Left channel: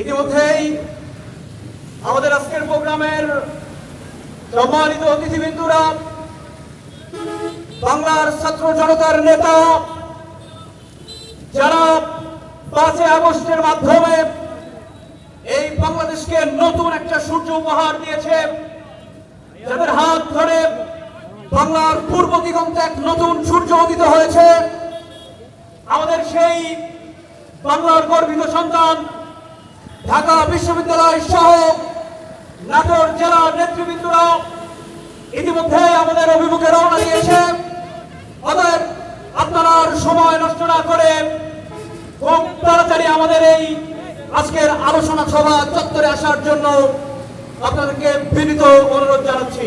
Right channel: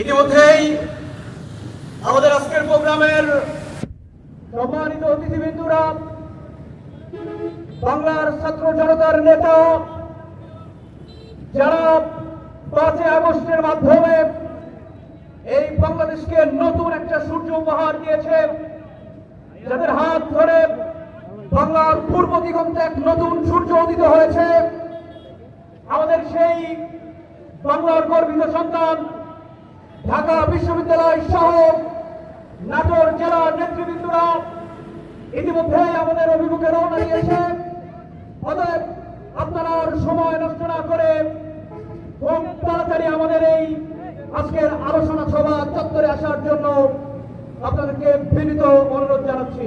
ইতিমধ্যেই আমাদের আজকের প্রোগ্রামের সম্মানিত অতিথিবৃন্দরা, বাংলার ছাত্র জনতার নেতা যারা 5 আগস্টের মাধ্যমে এই বাংলাদেশকে নতুন একটা সূর্য উপহার দিয়েছে, যাদের হাত ধরে বাংলার পূর্ব দিগন্তে এক নতুন সূর্য উদিত হয়েছে, আমাদের সেই বাংলার গর্বিত সন্তান ঢাকা বিশ্ববিদ্যালয় সহ নাটোর জেলার নেতৃবৃন্দরা ইতিমধ্যে আমাদের অভিমুখে রওনা দিয়েছে। অতএব আপনারা সময় নষ্ট না করে খুব তাড়াতাড়ি আমাদের এই আজকের আলোচনা সভা চত্বরে আসার জন্য আপনাদেরকে বিনীত অনুরোধ জানাচ্ছি।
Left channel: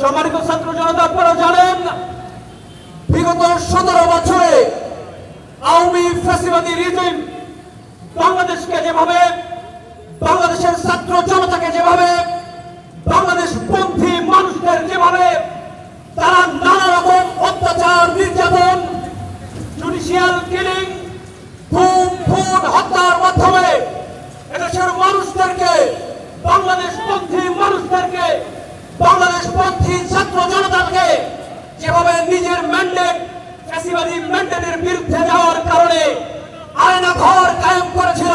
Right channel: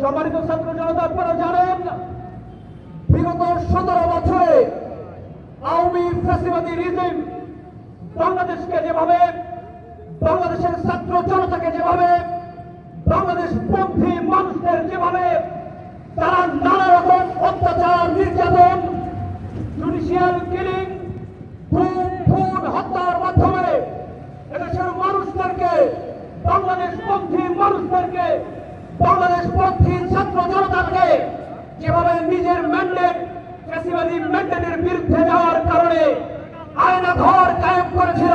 সম্মানিত ছাত্র জনতা, আপনারা জানেন বিগত 17 বছরে আওয়ামী ফ্যাসিবাদী রিজিম বাংলাদেশকে যেভাবে, বাংলাদেশের ছাত্র জনতাকে যেভাবে, বাংলাদেশ পন্থী মানুষদের যেভাবে তারা নানা রকম অত্যাচার, নির্যাতন, জুডিশিয়াল কিলিং, খুন হত্যার মাধ্যমে এদেশের মানুষদেরকে, বাংলাদেশ পন্থী মানুষদেরকে, বাংলাদেশ পন্থী ছাত্র জনতাকে যেভাবে নিজের ম্যান্ডেট, ফ্যাসিবাদী ম্যান্ডেটের বিরুদ্ধে যাওয়ার কারণে আয়না ঘর কায়েম করেছিল,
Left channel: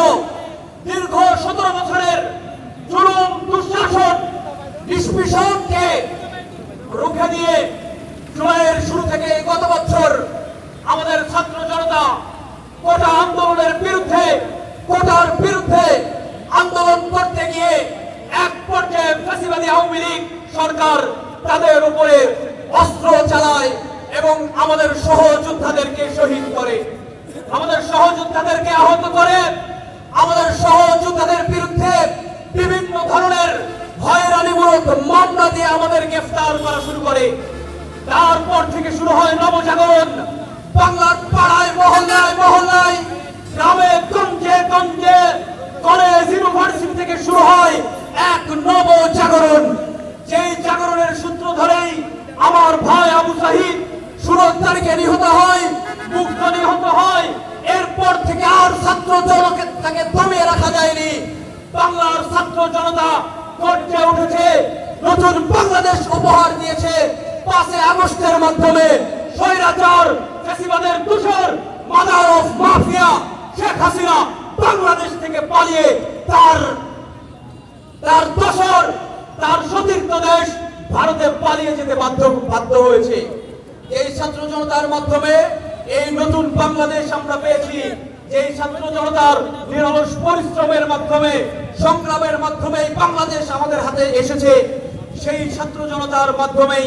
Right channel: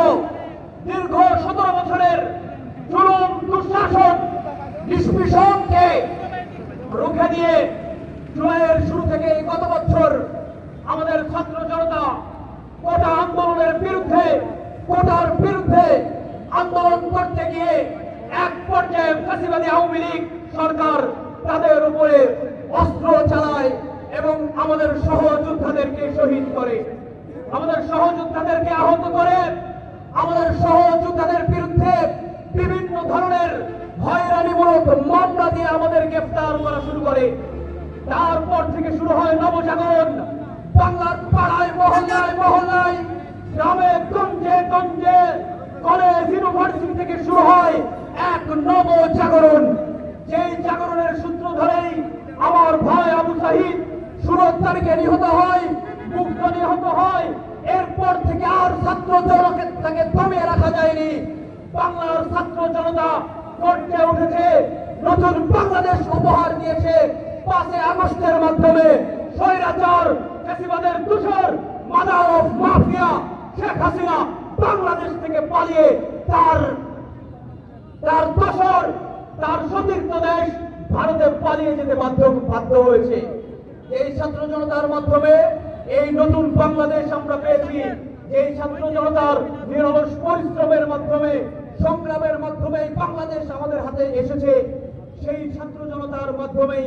দীর্ঘ 17 বছরের জুলুম, দুঃশাসন, নিষ্পেষণকে রুখে দিয়ে জুলাইয়ের শুরু থেকে গত বছর আমাদের ছাত্র জনতা কোটা আন্দোলনের বিরুদ্ধে, কোটার বিরুদ্ধে আন্দোলন করতে গিয়ে এক পর্যায়ে ফ্যাসিবাদী আওয়ামী লীগ সরকার তাদের উপরে অস্ত্র চালায় এবং আমাদের সহযোদ্ধাদেরকে শহীদ করে, আমাদের সহযোদ্ধাদেরকে আহত করে, আমাদের সহযোদ্ধাদের বিরুদ্ধে বিভিন্ন ধরনের হয়রানিমূলক মামলা দিয়ে আমাদের গ্রেফতার করা শুরু করে। তারপর থেকে শুরু হয় নবজাগরণ। বাংলার পাড়ায় মহল্লায় মহল্লায়, গ্রামে গঞ্জে গঞ্জে, কলেজ ইউনিভার্সিটি থেকে শুরু হয় এক নবজাগরণ। যেই জাগরণের সূত্র ধরেই আমার ভাই আবু সাহিদ 16 তারিখে নিহত হয়, মুগ্ধ নিহত হয়। এরপর থেকে আর ছাত্র জনতাকে দমিয়ে রাখা যায়নি। বাংলার ছাত্র জনতা গর্জে উঠেছে, নতুন বাংলাদেশ উপহার দিয়েছে 5 আগস্টের মাধ্যমে। স্বৈরাচার, ফ্যাসিবাদের দূষর, mother of mafia Sheikh Hasina Bangladesh থেকে পালিয়ে তার দোসর, তার সতীর্থ দেশ ভারতে পালিয়ে যেতে বাধ্য হয়েছে। এই ছাত্র জনতার মাধ্যমে এই নতুন বাংলাদেশ আমরা পেয়েছি। যেই ছাত্র জনতার নিরলস পরিশ্রমের মাধ্যমে, সংগ্রামের মাধ্যমে বাংলাদেশ আমাদের হাতে এসেছে, সেই ছাত্র জনতার মাধ্যমেই